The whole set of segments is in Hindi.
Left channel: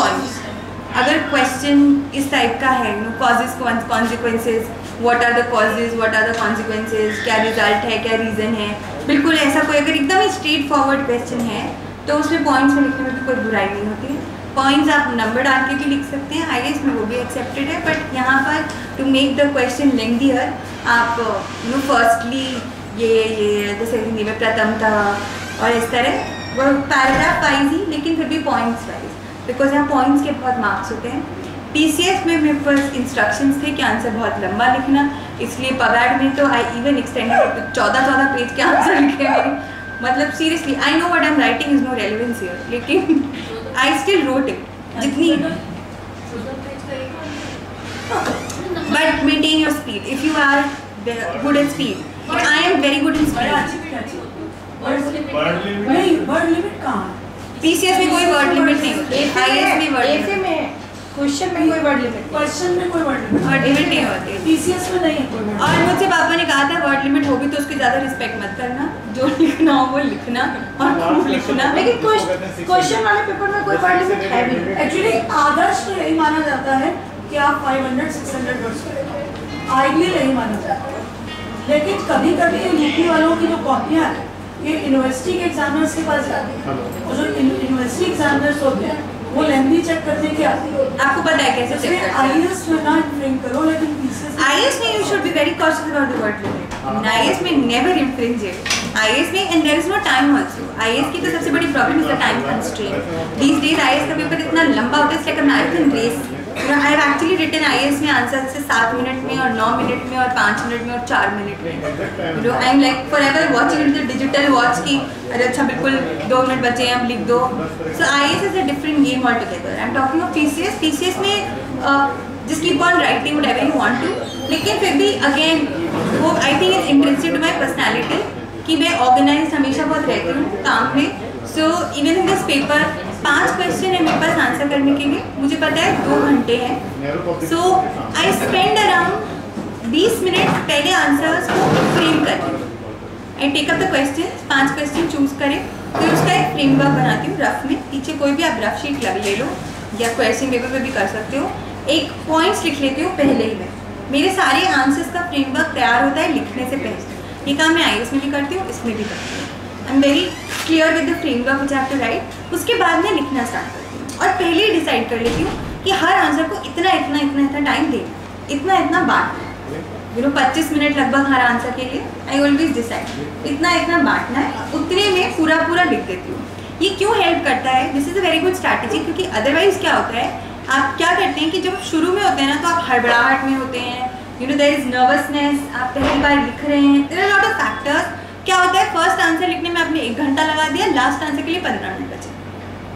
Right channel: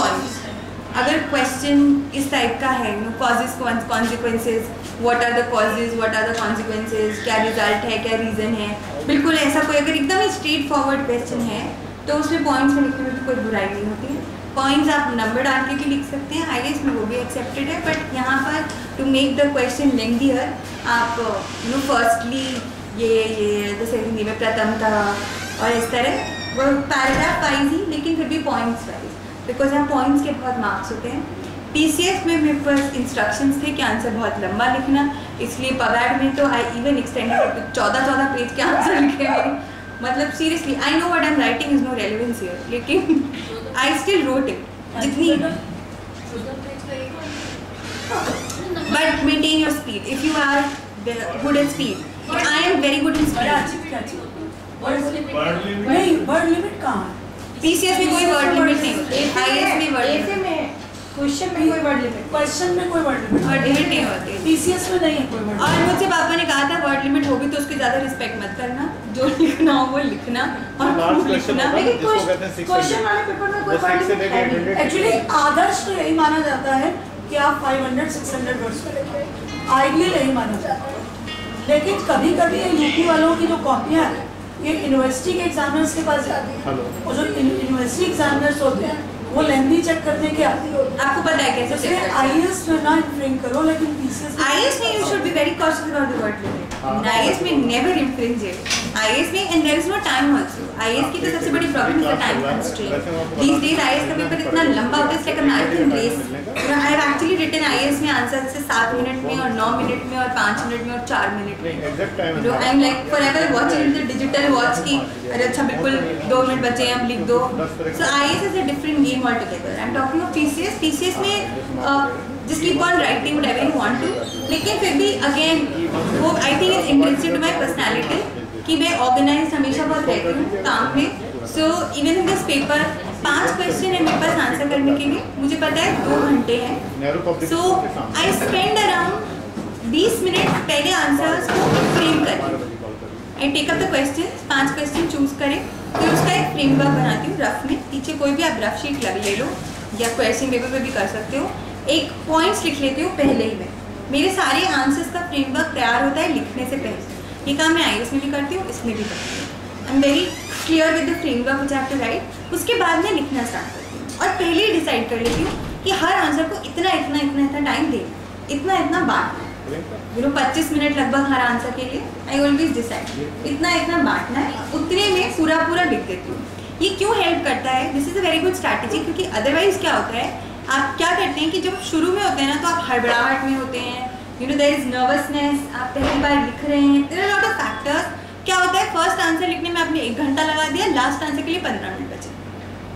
पॉइंट्स। अगर क्वेश्चन इस टाइप का है, causes consequences, what are the causes, what are the consequences, क्या रिजल्ट है, क्या रीज़न है, बिल्कुल ऐसा कोई अगर एकदम ही स्ट्रेट फॉरवर्ड क्वेश्चन है तो उसमें पॉइंट्स में लिखने में भी कोई बुराई नहीं होती है। पॉइंट्स आप नंबर डाल के भी लिख सकते हैं, आई गेस में वो भी एक्सेप्टेड है। बट यहाँ पर टू मेक द क्वेश्चन लेंदियर आप फर्स्टली ये जैसे हिंदी में प्रथमतः और इस तरह वो पैराग्राफ वाइज ही, लेकिन फिर भी पॉइंट्स वाइज, बिकॉज यहाँ पॉइंट्स के बहुत मार्क्स होते हैं। पीसीएस में मेरे पास इंस्ट्रक्शंस थे कि आंसर बहुत लंबा लिखना, इसलिए पवाड में तो आई इवन एक्सटेंडेड 14 पेज के आंसर लिखे मेरे। मतलब seriously I know what I am writing is no relevance here, लेकिन आई स्टिल रोट इट जितनी। But maintain your speed if you are good at speed. I am very good in speed. नहीं वर्ड लिमिट कहाँ है? पीसीएस में कोई वर्ड लिमिट नहीं होती, आईएएस में वर्ड लिमिट में, क्वेश्चन में कोई वर्ड लिमिट, क्वेश्चन में कोई वर्ड लिमिट नहीं होती, पीसीएस में नहीं है कोई वर्ड। और मुझसे पापा ने कहा था वर्ड लिमिट होगी तो उसकी ज़्यादा रिस्पेक्ट मत करना, जो लिखना हो वो लिखना और खूब लिखना। लेकिन क्वेश्चन वाले पेपर में कोई वर्ड लिमिट है नहीं। एक्चुअली आदर्श तो यही माना जाता है कि आप 500-600 वर्ड्स करेंगे, आइडियल यही माना जाता है। लेकिन कभी कभी यूपी वालों की जो कॉपियाँ हैं ये यूनिवर्सिटी के एग्जामिनर्स के पास जाती है, और जो यूनिवर्सिटी एग्जामिनर्स होते हैं वो लेंथी चेक करने के आती है। आपको पता है कैसे चेक करते हैं? आईएएस में ना इन्फ्रिंज करो, लेकिन पीसीएस आईएएस में you should be very cautious about the word limit. IAS में नेवर इन्फ्रिंज इट। आईएएस में and there is no time also. IAS की तो सबसे बड़ी problem is the time constraint. These days IAS का पेपर इतना लंबा होता है, like a marathon race. I have actually written IAS में आंसर से 7 मिनट में और 9 मिनट में और 5 मिनट में और 4 मिनट में। I am like forever watching the digital watch की, अरे अच्छा बिल्कुल 2 मिनट बचे हैं अब लिख दो। So IAS is a different game altogether. I am talking of PCS. PCS में just keep on writing whatever you want to, लेकिन फिर भी अगेन वो I think is intrinsic to my personality कि मैं ऑर्गेनाइज हमेशा बहुत रहती हूँ काम में। So even in this paper 5 question है मेरे पास आंसर करने के लिए, मुझे पता है 2 घंटे हैं। So I spend around 20 minute पहले आंसर्स को फ्रेम करके, I take up the question, 5 question choose करें, फिर उसका एक फ्रेमवर्क बनाती हूँ रफ में। पीछे कोई भी आप रफ शीट ले लो या क्वेश्चन पेपर पे भी कर सकते हो। एक पॉइंट्स लिख लेती हूँ पहले ही मैं, मेरे सारे आंसर्स का फ्रेमवर्क तैयार होता है लिखने से पहले। ये काम मैं आईएएस में भी करती हूँ, इसमें भी करती हूँ। I am very clear with the framework which I have to write. उसके बाद मैं लिखना स्टार्ट करती हूँ और पहले ही डिसाइड कर लेती हूँ कि हर आंसर को इतना इतना इतना इतना टाइम देना, इतना इतना बांटना है। 25 मिनट लगभग हर आंसर के लिए। आई ऑलवेज डिसाइड इतना इतना बांटना है, उतने में पूरा पूरा लिख देती हूँ। ये क्यों हेल्प करता है? This is a very good strategy, क्योंकि अदरवाइज क्या होता है, आप क्या करते हैं कि जब शुरू में होते हैं ना तो आप हड़बड़ाहट में होते हैं, देयर इज नर्वसनेस, आप पहली बार लिख रहे हैं, there are lot of factors. क्या होता है, फर्स्ट आंसर लिखने में आपने 1 घंटा लगा दिया, लास्ट आंसर के लिए 15 मिनट बचे।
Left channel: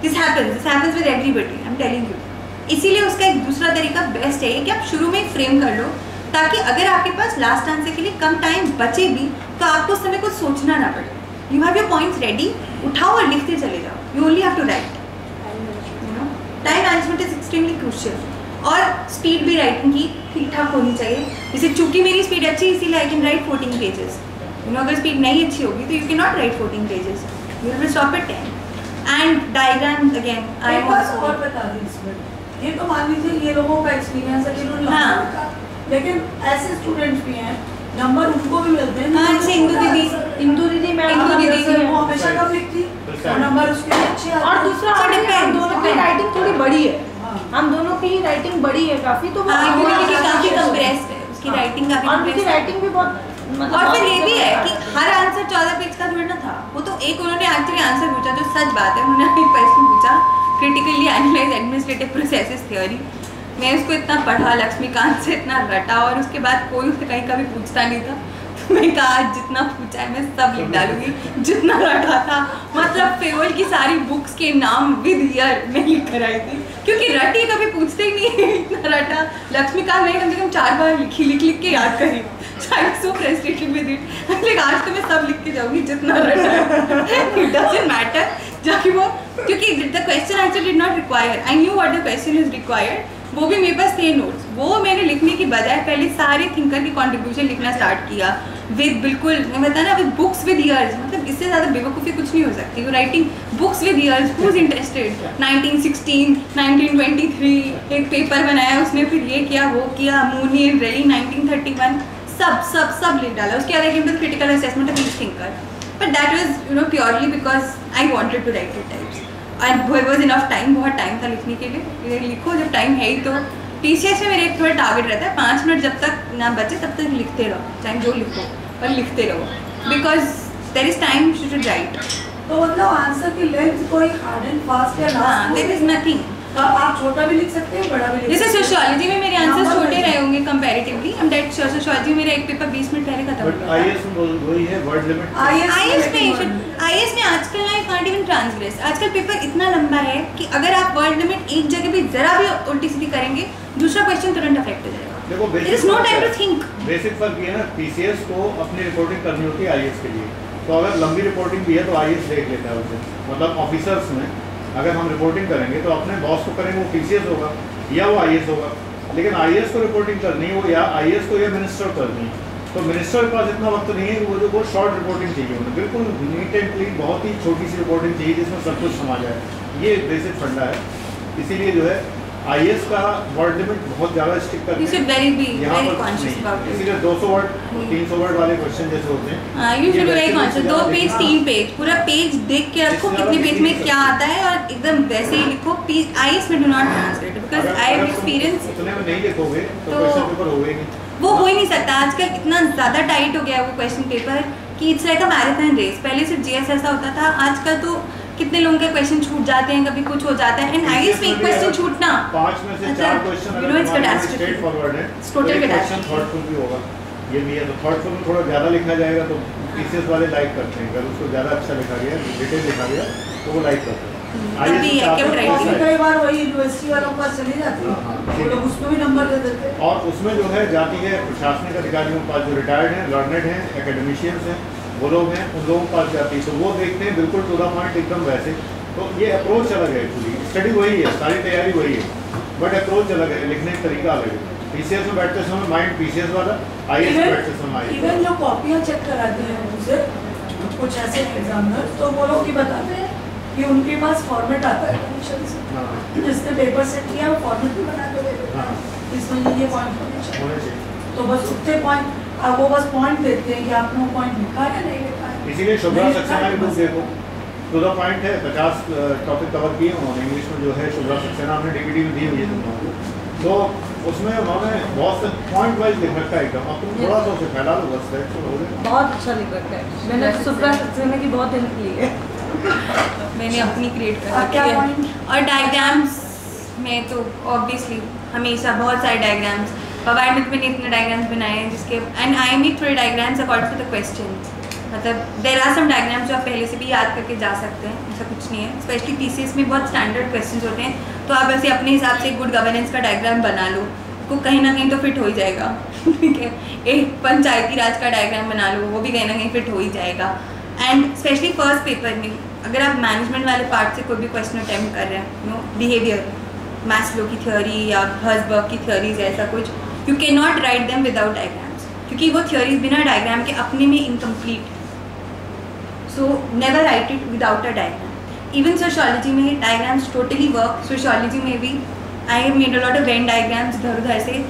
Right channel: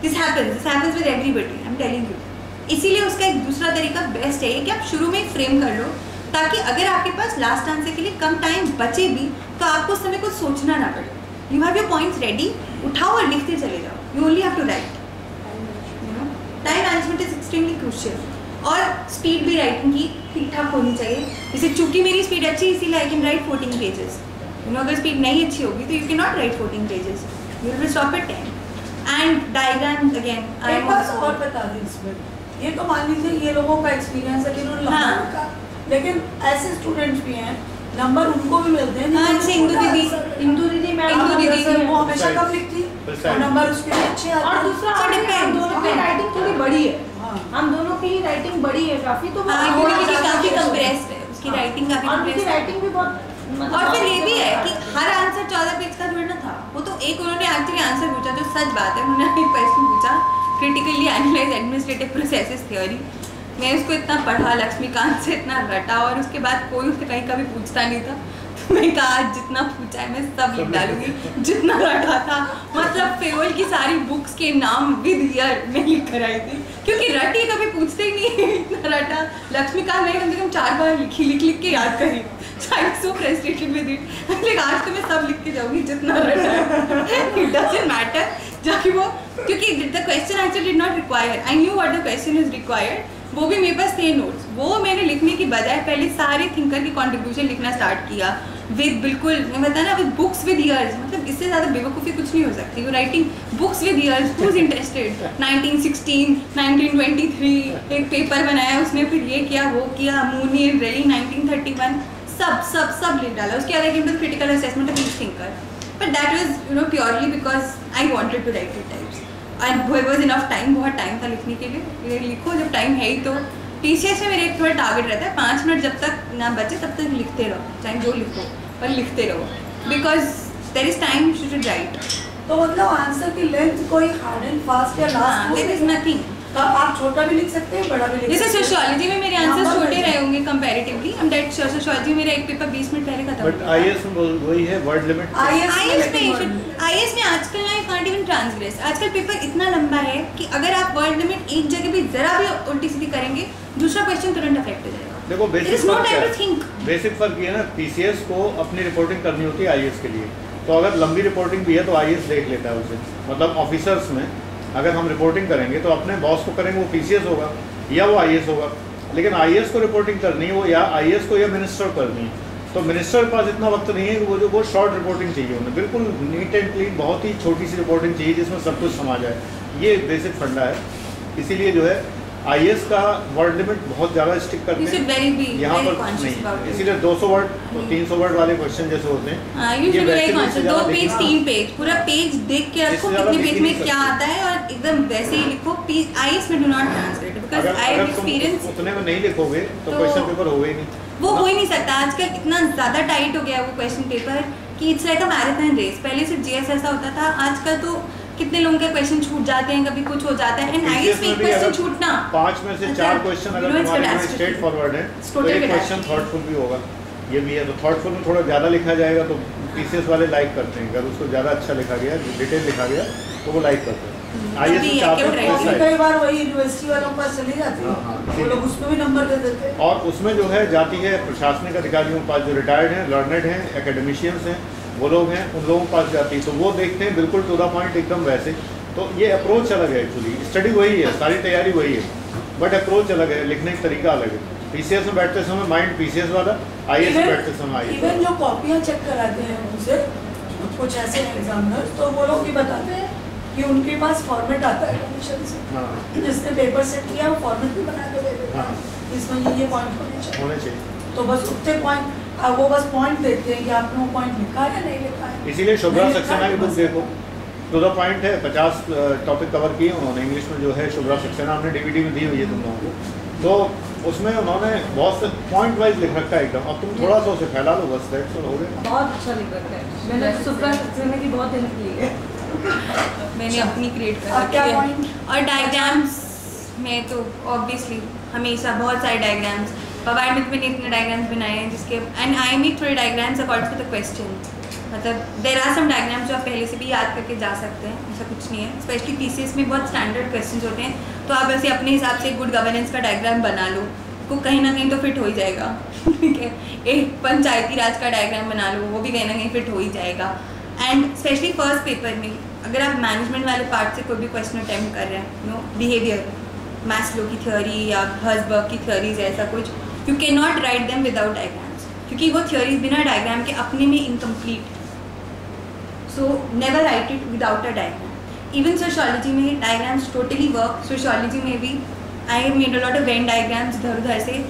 This happens with everybody, I am telling you. इसीलिए उसका एक दूसरा तरीका बेस्ट है कि आप शुरू में ही फ्रेम कर लो, ताकि अगर आपके पास लास्ट आंसर के लिए कम टाइम बचे भी तो आपको उस समय कुछ सोचना ना पड़े। You have your points ready, उठाओ और लिखते चले जाओ। You only have to write. Time management is extremely crucial. और स्पीड भी राइटिंग की ठीक ठाक होनी चाहिए। जैसे चूंकि मेरी स्पीड अच्छी है इसीलिए आई कैन राइट 14 पेजेस। अगर स्पीड नहीं अच्छी होगी तो you can not right 14 pages, you will stop at 10। And diagram again I और बता दें इसमें, ये तो मान लीजिए ये लोगों का एक्सपीरियंस है जिन्होंने हाँ। लेकिन ऐसे स्टूडेंट्स भी हैं, नंबर उनको भी मिलते हैं। हाँ, जैसे इंदु दीदी मैम वो हमेशा कम लिखती और नंबर उसके अच्छे आते हैं। और दूसरा हम दोनों की राइटिंग थोड़ी बड़ी है, हम दोनों की राइटिंग बड़ी है काफी, तो काफी कंप्रेस्ड है उसकी राइटिंग, काफी उनकी राइटिंग भी बहुत मतलब। और फिर ये भी है कि हर आंसर 14 पेज का थोड़ा ना था, वो तो एक उन्होंने एक्चुअली आंसर पूछा, जो सच बात है। उन्होंने एक क्वेश्चन पूछा, critically analyse administrative processes theory. मैं उसको इतना पढ़ा, लक्ष्मीकांत से इतना रटा, और उसके बाद कोई उससे कहीं कभी पूछता नहीं था। तो मैं कहा जितना पूछा है मैं सब लिख डालूंगी, जितना रटा था। मतलब फेवल की सारी बुक्स के नाम विद ईयर में लिख कर आई थी, क्योंकि रटी कभी पूछते ही नहीं। इतना रटा, लक्ष्मीकांत मैंने कम से कम 4 बार लिख के याद करी। So I'm so frustrated with it. like आज तो मैं सब लिख के जाऊंगी जितना रटा है। It doesn't matter जाकि वो, क्योंकि the question actually did not require. I knew what the question is required. वो भी मेरे पास थे नोट्स, वो मैंने लिखने की बजाय पहले सारे थिंकर की कंट्रीब्यूशन लिखना स्टार्ट किया विद, बिल्कुल मैं बताया ना, विद बुक्स विद ईयर्स। मतलब इससे ज़्यादा बेवकूफ़ी कुछ नहीं हो सकती। You writing books with years, who is interested. 1916, 1923 एक पेपर बनाया उसने, फिर ये किया वो किया, मूनी एंड रेली 1931, सब लिख डाला। उसके बाद एक critical assessment of each thinker, but that was purely because I wanted to write it types and there was enough time, बहुत टाइम था लिखने के लिए। लिखो जब टाइम है ही तो। TCS में मेरे एक थोड़ा टारगेट रहता है 5 मिनट जब तक ना बचे तब तक लिखते रहो, चाहे जो लिखो पर लिखते रहो, because there is time to write. तो मतलब आंसर की लेंथ कोई हार्ड एंड फास्ट या लास्ट देयर इज नथिंग। आप छोटा भी लिख सकते हैं, बड़ा भी लिख जैसे सकते हैं। सोशियोलॉजी में मेरे आंसर छोटे रहे होंगे कंपैरेटिवली, एंड दैट सोशियोलॉजी मेरा एक पेपर 20 मिनट पहले खत्म बट IAS में वही है वर्ड लिमिट। IAS में आजकल ना कांट इवन ट्रांसग्रेस। आजकल पेपर इतना लंबा है कि अगर आप वर्ड लिमिट एक जगह भी जरा भी उल्टी सीधी करेंगे, दूसरा क्वेश्चन तुरंत अफेक्ट हो जाएगा। देखो बेसिक फर्क ये है ना, TCS को अपनी रिपोर्टिंग करनी होती है IAS के लिए, तो अगर लंबी रिपोर्टिंग भी है तो IAS देख लेता है उसे। मतलब ऑफिसर्स में अगर हम रिपोर्टिंग करेंगे तो अपने बॉस को करेंगे, वो TCS होगा या वो IAS होगा, लेकिन IAS को रिपोर्टिंग करनी है वो या IAS को या मिनिस्टर को करनी है। तो मिनिस्टर के पास इतना वक्त नहीं है कि वो शॉर्ट रिपोर्टिंग चाहिए उन्हें, बिल्कुल नीट एंड क्लीन बहुत ही छोटी सी रिपोर्टिंग चाहिए जिसमें सब कुछ समा जाए। ये बेसिक फंडा है, इसीलिए जो है IAS का वर्ड लिमिट बहुत ज़्यादा स्टिक करते हैं यहाँ पर नहीं, इसीलिए 200 वर्ड 300 वर्ड वाले क्वेश्चन जैसे होते हैं। You should very conscious, 2 page 3 page पूरा पेज देख के रखो कितने पेज में क्या आता है और एकदम वैसे ही लिखो। IAS में do not translate because I have experience. उतने में नहीं लिखोगे तो क्वेश्चन पेपर होगा ही नहीं, वो हो ही नहीं सकता। आजकल इतना ज़्यादा टाइट हो गया है वो क्वेश्चन पेपर कि it's like a marathon race. पहले सिर्फ GS ऐसा होता था, आजकल तो कितने लोगों के क्वेश्चन छूट जाते हैं, कभी कुछ हो जाता है। एंड IAS में एक क्वेश्चन छूटना 5 में से 4 क्वेश्चन अगर तुम्हारे स्ट्रेट फॉरवर्ड है तो एक क्वेश्चन थॉटफुल भी होगा, ये भी है। तो थॉटफुल में थोड़ा ज़्यादा लिखा जाएगा तो TCS वाले लाइक करते हैं, अगर उसको ज़्यादा अच्छा लिखा गया, डिटेल लिखा गया तो वो लाइक करते हैं। कई बार वही यूनिवर्सिटी वालों के पास चले जाते हैं, वो लोग उसमें भी नंबर दे देते हैं। और उसमें जो है जाती है प्रशासनिक अधिकारियों के पास जो रिटायर्ड हैं, लर्नेड हैं, एकेडमिशियंस हैं, वो लोग हैं, उन लोगों के पास जाती है तो वो देखते हैं बिल्कुल टू द पॉइंट एकदम वैसे। तो ये अप्रोच अलग है, एक्चुअली स्टडी वही है, सारी तैयारी वही है, बट अप्रोच अलग है, लिखने का तरीका अलग है। TCS में बैठते समय माइंड TCS वाला, IAS में बैठते समय IAS। इवन जो कॉपियाँ चेक कराते हैं उनसे कुछ ऐसे एग्जामिनर, तो वो लोग भी बताते हैं कि उनके पास फॉर्मेट आता है कमीशन से, जिसने पेपर सेट किया वो फॉर्मेट भी बना के दे देता है, इसमें ये पॉइंट होने चाहिए। तो बस उतने पॉइंट वो बस पॉइंट देते हैं कि आपने वो पॉइंट लिखा है या नहीं लिखा है। इसीलिए शुभ्रा सक्सेना की बुक देखो, टू द पॉइंट है, 50 टॉपिक कवर किए उन्होंने। इंग्लिश में जो है शुभ्रा सक्सेना हमने DVD में दी हुई है तुम लोगों को, तो उसमें उन्होंने बहुत से पॉइंट वाइज लिख रखा है एकदम। अब तुम थोड़ा सा उसे फैला लो बस, दैट्स ऑल, हो गया। बहुत अच्छा लिख रखा है, मैंने शुभ्रा सक्सेना की बहुत हेल्प ली है। मैंने अपनी क्रिएट कर रखी है। और डायग्राम्स में तो ऑब्वियसली हमेशा बहुत सारे डायग्राम्स, पवार में मैंने इतने डायग्राम्स बनाए हैं जिसके, एंड आई मेक थोड़े diagrams according to the question. मतलब देयर आर सम डायग्राम्स जो आप पहले से भी याद करके जा सकते हैं, ऐसा कुछ नहीं है। स्पेशली TCS में बहुत स्टैंडर्ड क्वेश्चंस होते हैं, तो आप ऐसे अपने हिसाब से गुड गवर्नेंस का डायग्राम बना लो, को कहीं ना कहीं तो फिट हो ही जाएगा। ठीक है, एक पंचायती राज का डायग्राम बना लो, वो भी कहीं ना कहीं फिट हो ही जाएगा। एंड स्पेशली फर्स्ट पेपर में अगर आप मैनेजमेंट वाले पार्ट से कोई भी क्वेश्चन अटेम्प्ट कर रहे हैं, बिहेवियर, मैस्लो की थ्योरी या हर्जबर्ग की थ्योरीज, ऐसा कुछ, you can not write them without diagrams, क्योंकि वो थ्योरीज बिना डायग्राम के अपने में incomplete. So never write it without a diagram. Even sociology में डायग्राम्स टोटली वर्क। सोशियोलॉजी में भी I have made a lot of Venn diagrams इधर उधर से।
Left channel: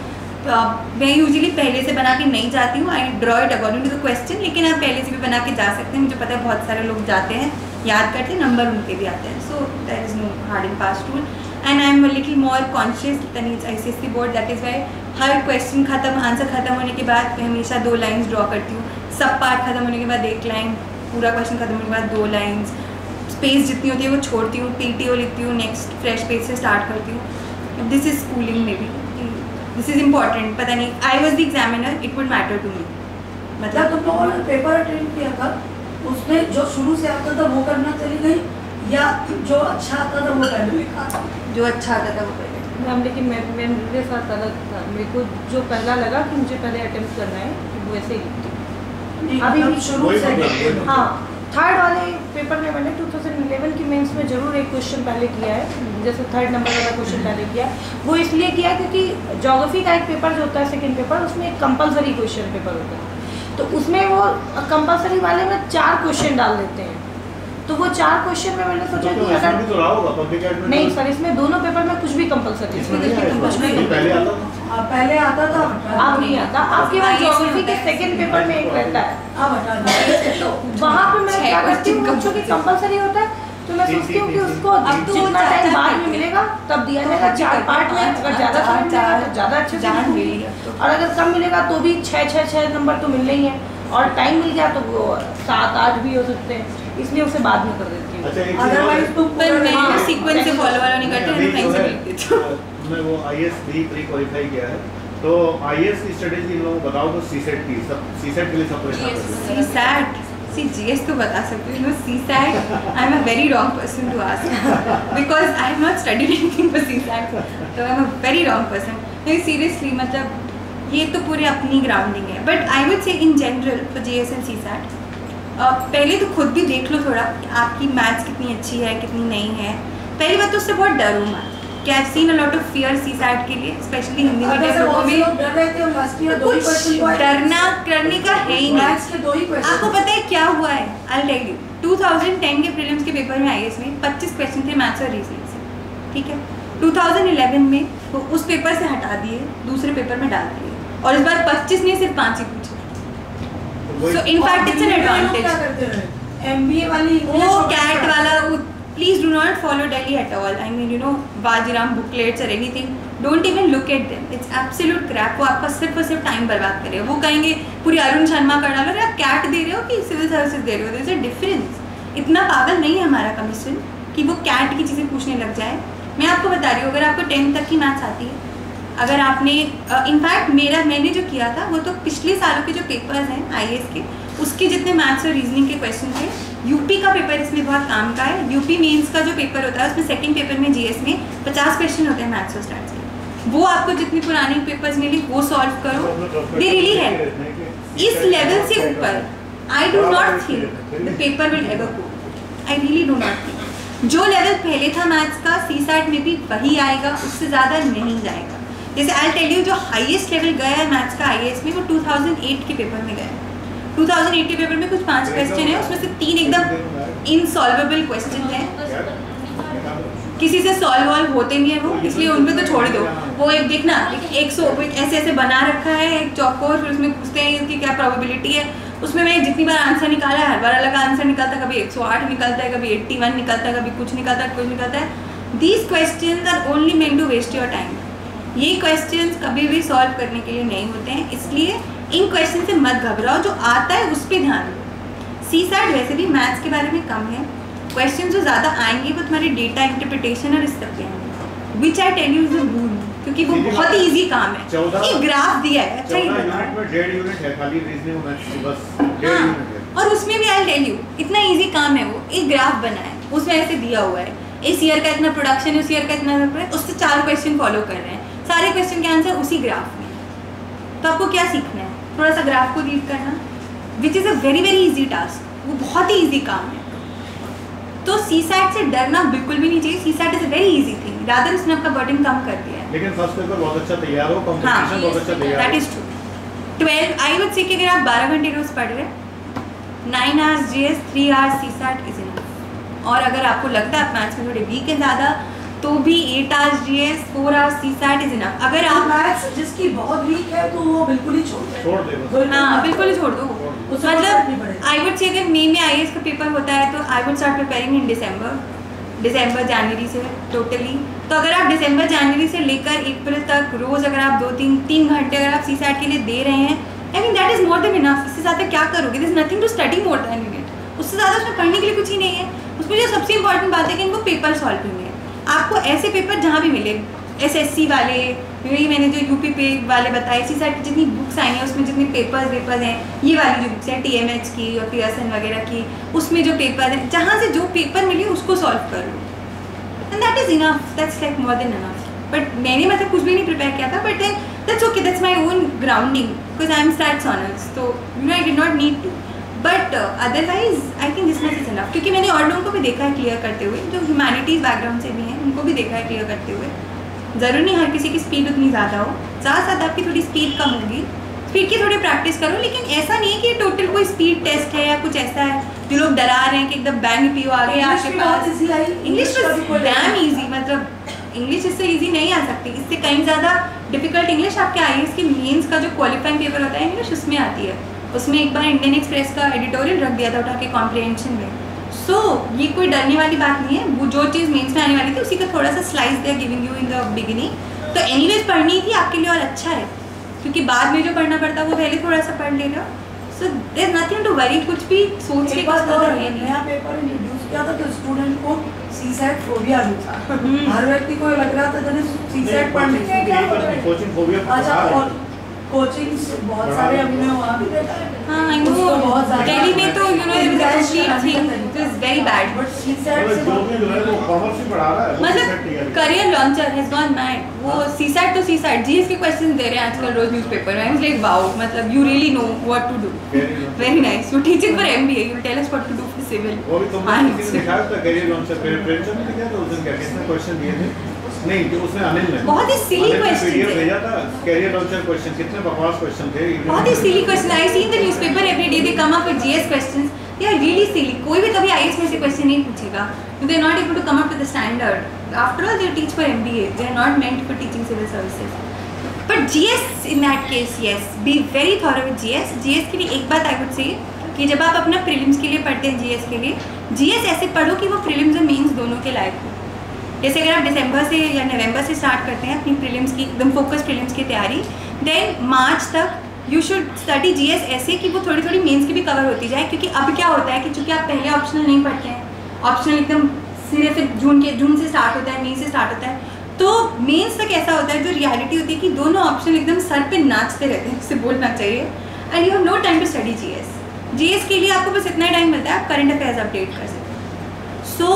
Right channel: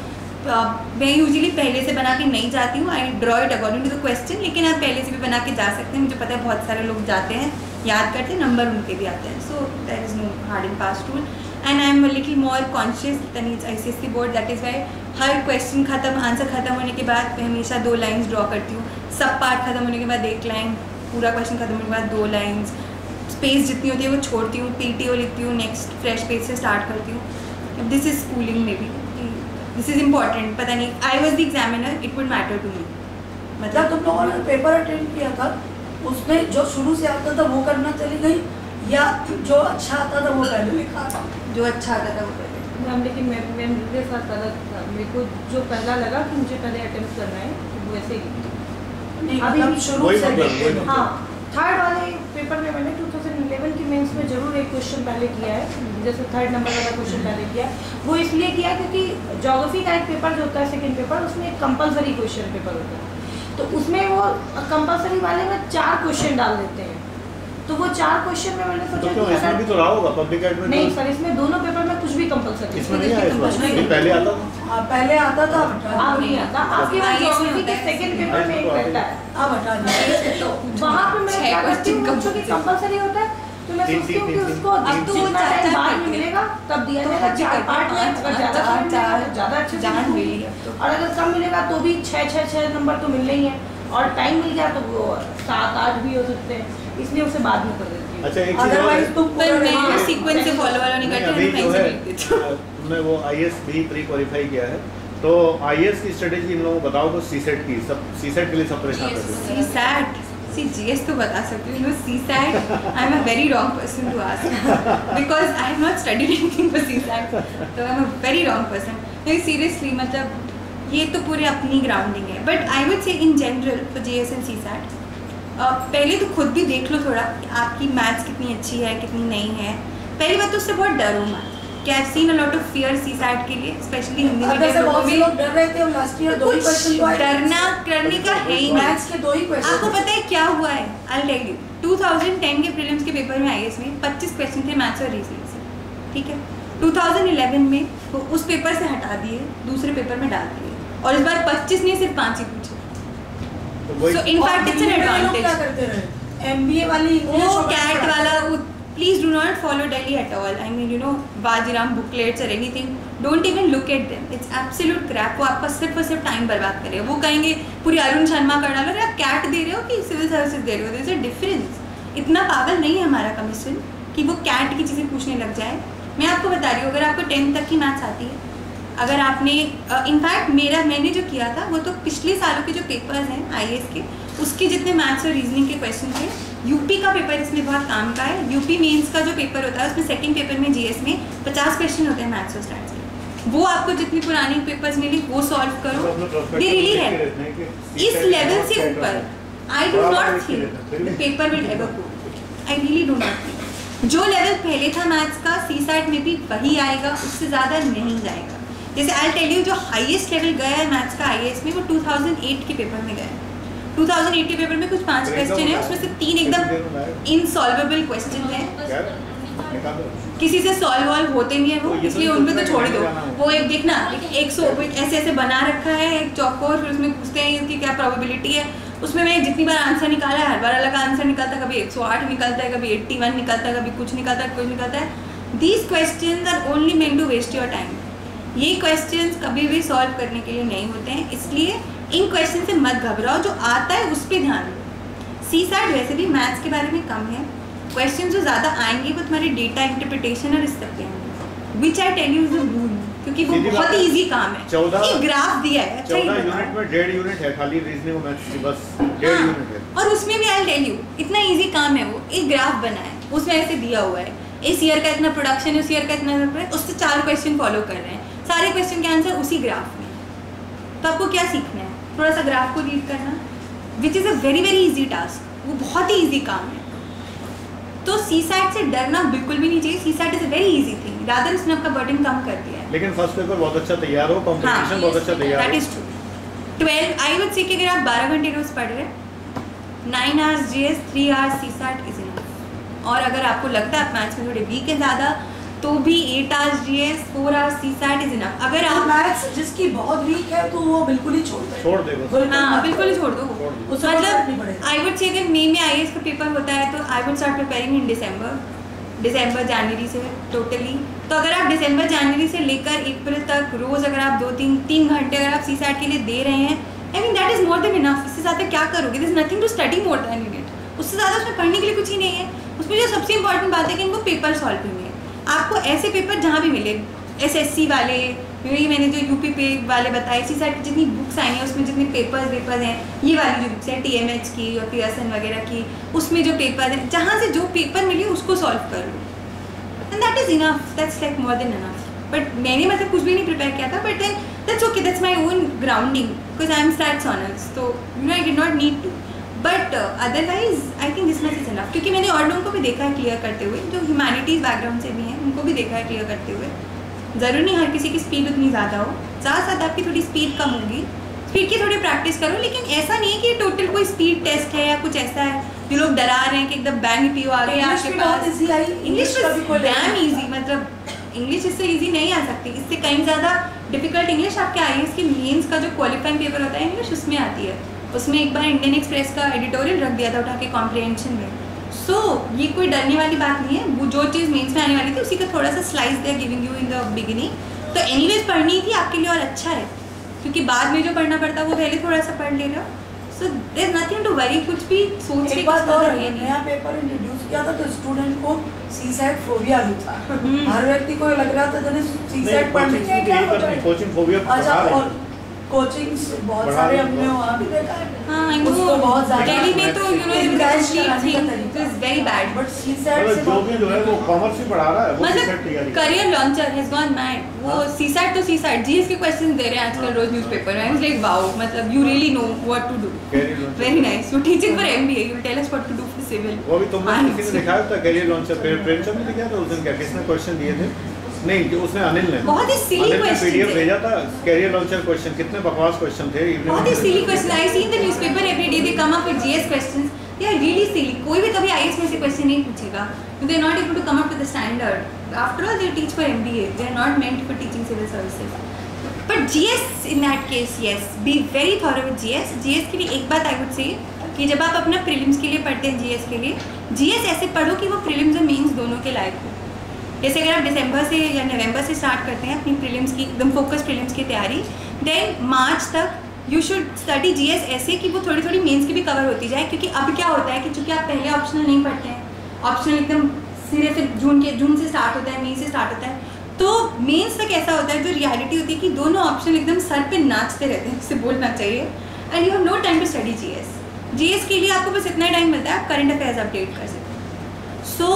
मैं यूजुअली पहले से बना के नहीं जाती हूँ, I draw it according to the question, लेकिन आप पहले से भी बना के जा सकते हैं। मुझे पता है बहुत सारे लोग जाते हैं, याद करते हैं, नंबर उनके भी आते हैं। So that is no hard and fast rule, and I am little more conscious than it's ICSE board. That is why हर क्वेश्चन खत्म, आंसर खत्म होने के बाद मैं हमेशा 2 लाइन्स ड्रॉ करती हूँ। सब पार्ट खत्म होने के बाद 1 लाइन, पूरा क्वेश्चन खत्म होने के बाद 2 लाइन्स। स्पेस जितनी होती है वो छोड़ती हूँ, PTO लिखती हूँ, नेक्स्ट फ्रेश पेज से स्टार्ट करती हूँ। दिस इज स्कूलिंग में भी, दिस इज इम्पॉर्टेंट। पता नहीं, I was the examiner, it would matter to me. मतलब तुम लोगों ने पेपर अटेंड किया था, उसमें जो शुरू से आता था वो करना चली गई, या जो अच्छा आता था वो पहले लिखा था? जो अच्छा आता था वो पहले। मैम लेकिन मैं मेरे साथ अलग था, मेरे को जो पहला लगा कि मुझे पहले अटेम्प्ट करना है वैसे ही अभी भी शुरू से। हाँ, थर्ड वाले पेपर में मैंने 2011 की मेंस में ज़रूर एक क्वेश्चन पहले किया है, जैसे 3rd नंबर वाला क्वेश्चन पहले किया। वो इसलिए किया क्योंकि ज्योग्राफी का एक पेपर जो होता है सेकंड पेपर, उसमें एक कंपलसरी क्वेश्चन पेपर होता है, तो उसमें वो कंपलसरी वाले में 4 क्वेश्चन डाल देते हैं। तो वो 4 क्वेश्चन में मैंने सोचा कि इसमें भी तो रहा होगा पब्लिक एड में। नहीं सर, इसमें दोनों पेपर में कुछ भी कंपलसरी इसमें नहीं आया, इसमें पहले आता था। पहले आता था, आप नहीं आता, आपके पास ज्योग्राफी के सेकंड पेपर में एक रहता है, अब हटा दिया। तो वहाँ पे मैं क्या करती हूँ, बच्चों की कंपलसरी होता है तो मैं सोचती हूँ कि उसको जितना टाइम बाद में मिलेगा तब दिया जाएगा 4 पार्ट में। अगर ज़्यादा समय मिलेगा तो ज़्यादा अच्छे से मिलेगी, और अगर कम मिलेगा तो भी 6 नंबर तो मिलने ही है, और टाइम मिल गया तो वो 7-8 भी हो सकते हैं, इसलिए उसे बाद में कर देती हूँ। अच्छा, एक चीज़ अदरवाइज तुम पर मैं सीक्वेंस से फॉलो वाला नहीं करती, मैं टाइम से लिख देती हूँ। मैं वो IAS भी प्री क्वालिफाई किया है, तो IAS की स्ट्रेटेजी इन लोगों को बताओ तो CSET की, सब CSET के लिए सब परेशान करते हैं। CSAT GS तो बता सकती हूँ, CSAT I am a very wrong person to ask because I have not studied anything for CSAT, तो I am a very wrong person. नहीं सीरियसली, मतलब ये तो पूरे अपनी ग्राउंडिंग है, but I would say in general for GS and CSAT पहले तो खुद भी देख लो थोड़ा कि आपकी मैथ्स कितनी अच्छी है कितनी नहीं है। पहली बात तो उससे बहुत डरो मत, कि I have seen a lot of fear CSAT के लिए, स्पेशली हिंदी मीडियम लोगों में। डर रहे थे लास्ट ईयर, 2 ही क्वेश्चन को डरना करने का है ही नहीं। मैथ्स के 2 ही क्वेश्चन। आपको पता है क्या हुआ है? I will tell you. 2010 के प्रीलिम्स के पेपर में IAS में 25 क्वेश्चन थे मैथ्स और रीजनिंग से, ठीक है। 2011 में वो उस पेपर से हटा दिए, दूसरे पेपर में डाल दिए, और इस बार 25 नहीं सिर्फ 5 ही पूछे। So in fact it's an advantage. क्या करते रहे MBA वाली वो कैट वाला, please do not follow Delhi at all. I mean you know Vajiram booklets और anything, don't even look at them, it's absolute crap. वो आपका सिर्फ और सिर्फ टाइम बर्बाद करेगा। वो कहेंगे पूरी अरुण शर्मा कर डालो, आप कैट दे रहे हो कि सिविल सर्विसेज दे रहे हो, देयर इज अ डिफरेंस। इतना पागल नहीं है हमारा कमीशन कि वो कैट की चीज़ें पूछने लग जाए। मैं आपको बता रही हूँ, अगर आपको 10th तक की मैथ्स आती है, अगर आपने इनफैक्ट मैंने जो किया था वो तो पिछले सालों के जो पेपर्स हैं IAS के, उसके जितने मैथ्स और रीजनिंग के क्वेश्चन थे। यूपी का पेपर इसमें बहुत काम का है। यूपी मेंस का जो पेपर होता है उसमें सेकंड पेपर में GS में 50 क्वेश्चन होते हैं मैथ्स और स्टैट्स के। वो आपको जितनी पुरानी पेपर्स मिली वो सॉल्व करो, दे रियली है इस लेवल से ऊपर। I do not think the paper will ever go, I really do not think. जो लेवल पहले था मैथ्स का CSAT में भी वही आएगा, उससे ज़्यादा नहीं जाएगा। जैसे आई टेल यू, जो हाईएस्ट लेवल गया है मैथ्स का IAS में वो 2008 के पेपर में गया है। 2008 के पेपर में कुछ 5 क्वेश्चन है, उसमें से 3 एकदम इनसॉल्वेबल क्वेश्चन हैं, किसी से सॉल्व वॉल्व होते नहीं है वो, इसलिए उन पे तो छोड़ दो। वो एक देखना, एक ऐसे ऐसे बना रखा है एक चौकोर, फिर उसमें पूछते हैं इसकी क्या प्रोबेबिलिटी है। उसमें मैंने जितनी बार आंसर निकाला है, हर बार अलग आंसर निकलता है, कभी 108 निकलता है, कभी 81 निकलता है, कभी कुछ निकलता है, कुछ निकलता है। These question are only meant to waste your time. ये क्वेश्चंस कभी भी सॉल्व करने के लिए नहीं होते हैं, इसलिए इन क्वेश्चन से मत घबराओ, जो आता है उस पर ध्यान दो। CSAT वैसे भी मैथ्स के बारे में कम है, क्वेश्चन जो ज़्यादा आएंगे वो तुम्हारे डेटा इंटरप्रिटेशन और इस सब पे आएंगे, which I tell you is the rule, क्योंकि वो बहुत ही ईजी काम है। 14 एक ग्राफ दिया है, अच्छा ही यूनिट में 1.5 यूनिट है खाली रीजनिंग और मैथ्स, बस 1.5 यूनिट है। और उसमें भी आई टेल यू इतना ईजी काम है, वो एक ग्राफ बना है, उसमें ऐसे दिया हुआ है इस ईयर का इतना प्रोडक्शन, उस ईयर का इतना, उससे 4 क्वेश्चन फॉलो कर रहे हैं, सारे क्वेश्चन के आंसर उसी ग्राफ में। तो आपको क्या सीखना है? थोड़ा सा ग्राफ को रीड करना, which is a very very easy task, वो बहुत ही इजी काम है। तो CSAT से डरना बिल्कुल भी नहीं चाहिए। CSAT is a very easy thing, rather उसने आपका बर्डन कम कर दिया है। लेकिन फर्स्ट पेपर बहुत अच्छा तैयार हो, कंपटीशन बहुत अच्छा तैयार हो, that is true. 12 I would say कि अगर आप 12 घंटे रोज पढ़ रहे हैं, 9 hours GS, 3 hours CSAT is enough. और अगर आपको लगता है आप मैथ्स में थोड़े वीक है ज़्यादा, तो भी 8 hours GS, 4 hours CSAT is enough. अगर आप मैथ्स जिसकी बहुत वीक है तो वो बिल्कुल ही छोड़ दे बस। हाँ बिल्कुल ही छोड़ दो। मतलब आई वुड से अगर मई में IAS का पेपर होता है तो आई वुड स्टार्ट प्रिपेयरिंग इन दिसंबर जनवरी से टोटली। तो अगर आप दिसंबर जनवरी से लेकर अप्रैल तक रोज़ अगर आप 2-3 घंटे अगर आप CSAT के लिए दे रहे हैं, I mean that is more than enough. इससे ज़्यादा क्या करोगे? This nothing to study more than it. उससे ज़्यादा उसमें पढ़ने के लिए कुछ ही नहीं है। उसमें जो सबसे इंपॉर्टेंट बात है कि इनको पेपर सॉल्विंग है। आपको ऐसे पेपर जहाँ भी मिले, SSC वाले, यही मैंने जो UP पे वाले बताए, CSAT की जितनी बुक्स आई हैं उसमें जितने पेपर्स हैं, ये वाली जो बुक्स हैं TMH की और पियर्सन वगैरह की, उसमें जो पेपर हैं, जहाँ से जो पेपर मिले उसको सॉल्व कर लो, and that is enough, that's like more than enough. But मैंने मतलब कुछ भी नहीं प्रिपेयर किया था, but then that's okay, that's my own grounding, because I am stats honours, तो you know I did not need to. But otherwise I think this much is enough, क्योंकि मैंने और लोगों को भी देखा है क्लियर करते हुए, जो ह्यूमैनिटीज़ बैकग्राउंड से भी हैं, उनको भी देखा है क्लियर करते हुए। ज़रूरी नहीं हर किसी की स्पीड उतनी ज़्यादा हो, साथ साथ आपकी थोड़ी स्पीड कम होगी, स्पीड की थोड़ी प्रैक्टिस करो, लेकिन ऐसा नहीं है कि टोटल कोई स्पीड टेस्ट है या कुछ ऐसा है। जो लोग डरा रहे हैं कि एकदम बैंक पीओ आ गए आपके पास। इंग्लिश डैम इजी, मतलब इंग्लिश इससे इजी नहीं आ सकती, इससे कहीं ज़्यादा डिफिकल्ट इंग्लिश आपके आईएएस के मेंस का जो क्वालिफाइंग पेपर होता है इंग्लिश उसमें आती है। उसमें एक बार इंडियन एक्सप्रेस का एडिटोरियल रख दिया था उठा के कॉम्प्रिहेंशन में। सो ये कोई डरने वाली बात नहीं है, वो जो चीज़ मेंस में आने वाली थी उसी का थोड़ा सा slice they giving you in the beginning. तो एनीवेज पढ़नी थी आपके लिए और अच्छा है, क्योंकि बाद में जो पढ़ना पड़ता है वो पहले थोड़ा सा पढ़ ले रहे हो। So there is nothing to worry, कुछ भी सोच के एक बात और नया पेपर इंट्रोड्यूस किया था तो स्टूडेंट को सीसैट फोबिया भी था। हर व्यक्ति को लग रहा था जैसे सीसैट पढ़ने के क्या कोचिंग फोबिया। अच्छा, और कोचिंग बहुत सारे हमने वहाँ भी देखा है। हाँ, आई नो दिल्ली में तो you no it is very bad, but CSAT से जो भी जो है वो कॉमर्स ही पढ़ा रहा है, वो मतलब career launcher has gone mad. वो सीसैट तो सीसैट जीएस के क्वेश्चंस दे रहे हैं आजकल रोज न्यूज़पेपर में। आई एम लाइक वाओ, मतलब you really know what to do, very nice. You teaching for MBA, you tell us what to do for civil. वो भी तुमने किसी ने दिखाया था करियर लॉन्चर पे, प्रेमचंद ने दिखाया था उस दिन, क्या किसने क्वेश्चन दिए थे? नहीं, जो उसने अनिल ने बहुत ही सिली क्वेश्चन पीडीएफ भेजा था कैरियर लॉन्चर क्वेश्चन, कितने बकवास क्वेश्चन थे, बहुत ही silly question. I see in the newspaper every day they come up with GS questions, they are really silly. कोई भी कभी आईएएस में से क्वेश्चन नहीं पूछेगा, they are not able to come up with the standard. After all they teach for MBA, they are not meant for teaching civil services. But GS in that case yes, be very thorough with GS. GS के लिए एक बात आई वुड से कि जब आप अपना प्रीलिम्स के लिए पढ़ते हैं जीएस के लिए, जीएस ऐसे पढ़ो कि वो प्रीलिम्स और मेंस दोनों के लायक हो। जैसे अगर आप दिसंबर से या नवंबर से स्टार्ट करते हैं अपनी प्रीलिम्स की एकदम फोकस प्रीलिम्स की तैयारी, देन मार्च तक यू शुड स्टडी जीएस ऐसे कि वो थोड़ी थोड़ी मेंस की भी कवर होती जाए। क्योंकि अब क्या होता है कि चूँकि आप पहले ऑप्शनल नहीं पढ़ते हैं, ऑप्शनल एकदम सिरे से जून से स्टार्ट होता है, मई से स्टार्ट होता है, तो मेंस तक ऐसा होता है जो रियलिटी होती है कि दोनों ऑप्शन एकदम सर पे नाचते रहते हैं, उससे बोलना चाहिए, and you have no time to study GS. GS के लिए आपको बस इतना टाइम मिलता है आप करंट अफेयर्स अपडेट कर सकते हैं। So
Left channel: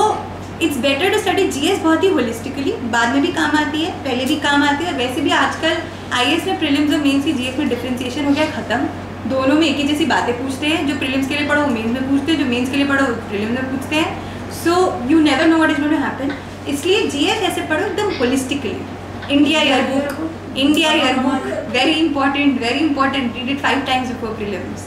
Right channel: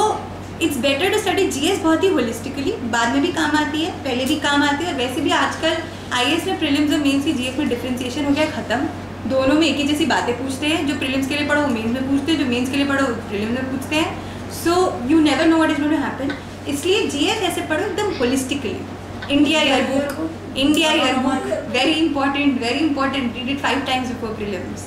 it's better to study GS बहुत ही होलिस्टिकली, बाद में भी काम आती है, पहले भी काम आती है। और वैसे भी आजकल आईएएस में प्रीलिम्स और मेंस की जीएस में डिफरेंशिएशन हो गया खत्म। दोनों में एक ही जैसी बातें पूछते हैं, जो प्रीलिम्स के लिए पढ़ो वो मेंस में पूछते हैं, जो मेंस के लिए पढ़ो प्रीलिम्स में पूछते हैं। So you never know what is going to happen, इसलिए जीएस ऐसे पढ़ो एकदम holistically. India yearbook very important, read it 5 times before prelims.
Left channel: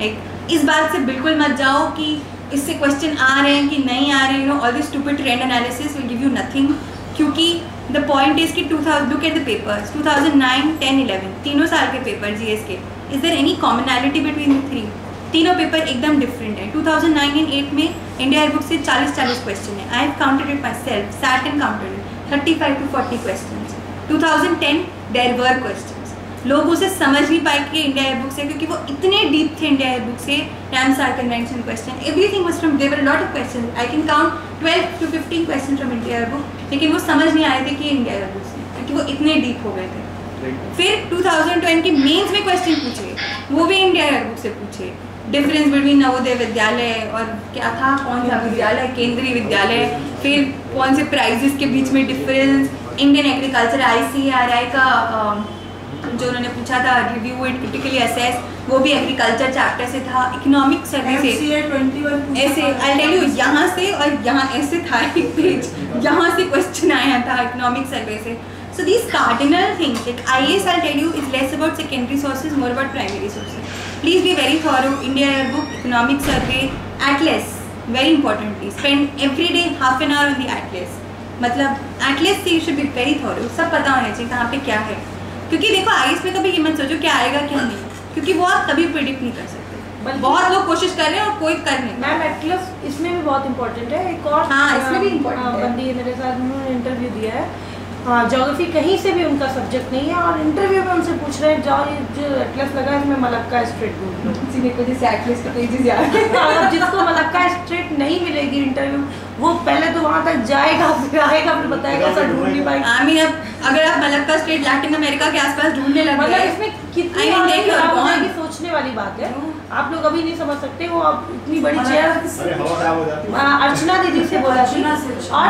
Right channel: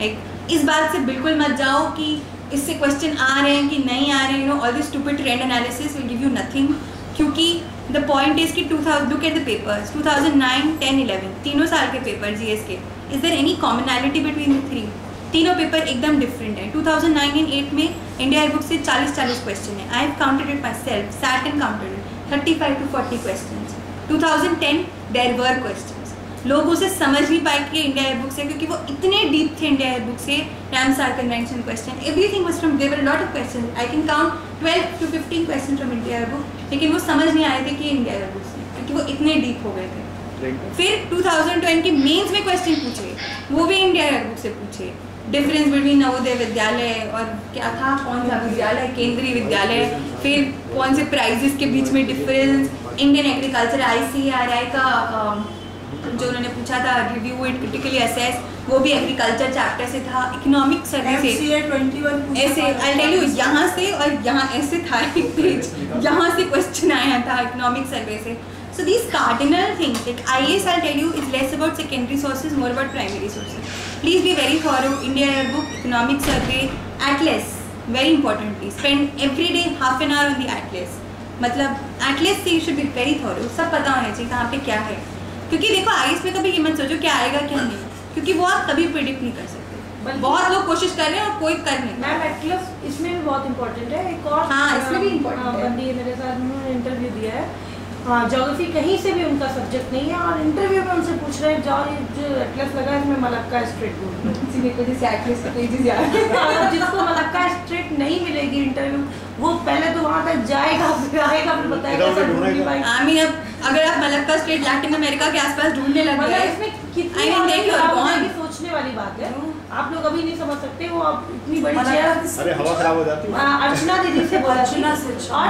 Like इस बात से बिल्कुल मत जाओ कि इससे क्वेश्चन आ रहे हैं कि नहीं आ रहे हैं, you know all this stupid trend analysis will give you nothing. क्योंकि द पॉइंट इज कि 2000 लुक एट द पेपर्स 2009, 10, 11 तीनों साल के पेपर जीएस के, is there any commonality between the three? तीनों पेपर एकदम डिफरेंट है। 2009 and 8 में इंडिया ईयरबुक से 40 क्वेश्चन है। I have counted it myself, sat and counted it, 35 to 40 question. 2010 there were question, लोग उसे समझ नहीं पाए कि इंडिया ईयरबुक से, क्योंकि वो इतने डीप थे इंडिया ईयरबुक से। Ramsar convention question, everything was from, there were lot of question, I can count 12 to 15 question from India yearbook, लेकिन वो समझ नहीं आए थे कि इंडिया ईयरबुक से, क्योंकि वो इतने डीप हो गए थे। फिर 2020 के मेंस में क्वेश्चन पूछे, वो भी इंडिया ईयरबुक से पूछे। डिफरेंस बिटवीन नवोदय विद्यालय और क्या था, कौन सा विद्यालय, केंद्रीय विद्यालय, फिर कौन से प्राइजेस के बीच में डिफरेंस, इंडियन एग्रीकल्चर ICAR का जो उन्होंने पूछा था, रिव्यू इट क्रिटिकली असेस, वो भी एग्रीकल्चर चैप्टर से था। इकोनॉमिक सर्वे से ऐसे आई टेल यू, यहाँ से और यहाँ ऐसे था एक पेज, यहाँ से क्वेश्चन आया था इकोनॉमिक सर्वे से। So these cardinal things like IAS I tell you is less about secondary sources, more about primary sources. Please be very thorough. India yearbook, economic survey, atlas very importantly, spend every day half an hour on the atlas. मतलब एटलस से you should be very thorough, सब पता होना चाहिए कहाँ पे क्या है। क्योंकि देखो आईएएस में कभी ये मत सोचो क्या आएगा क्या नहीं, क्योंकि वो आप कभी प्रेडिक्ट नहीं कर सकते। बहुत लोग कोशिश कर रहे हैं और कोई कर नहीं। मैम एटलस इसमें भी बहुत इंपॉर्टेंट है। एक और हाँ, इसमें भी इम्पोर्टेंट है। बंदी है मेरे साथ, उन्होंने इंटरव्यू दिया है, हाँ ज्योग्राफी कहीं से भी उनका सब्जेक्ट नहीं है, और इंटरव्यू में उनसे पूछ रहे हैं जाओ ये जो एटलस लगा है इसमें मलक्का स्ट्रेट ढूंढ लो। किसी ने को जैसे एटलस का पेजेस याद है, जिसको मलक्का स्ट्रेट नहीं मिलेगी इंटरव्यू, वो पहले तो वहाँ तक जाएगा, फिर आएगा, फिर बताएगा सर ढूंढ नहीं पाएगा। आई मीन अब अगर आप मलक्का स्ट्रेट लैटिन अमेरिका के आसपास ढूंढने लग गए, इसमें कितनी सोचने वाली बात है, आप लोग अभी नहीं समझ सकते। वो अब इतनी बड़ी चेयर, अरे हवा खराब हो जाती है। अर्चना दीदी से बोला थी, और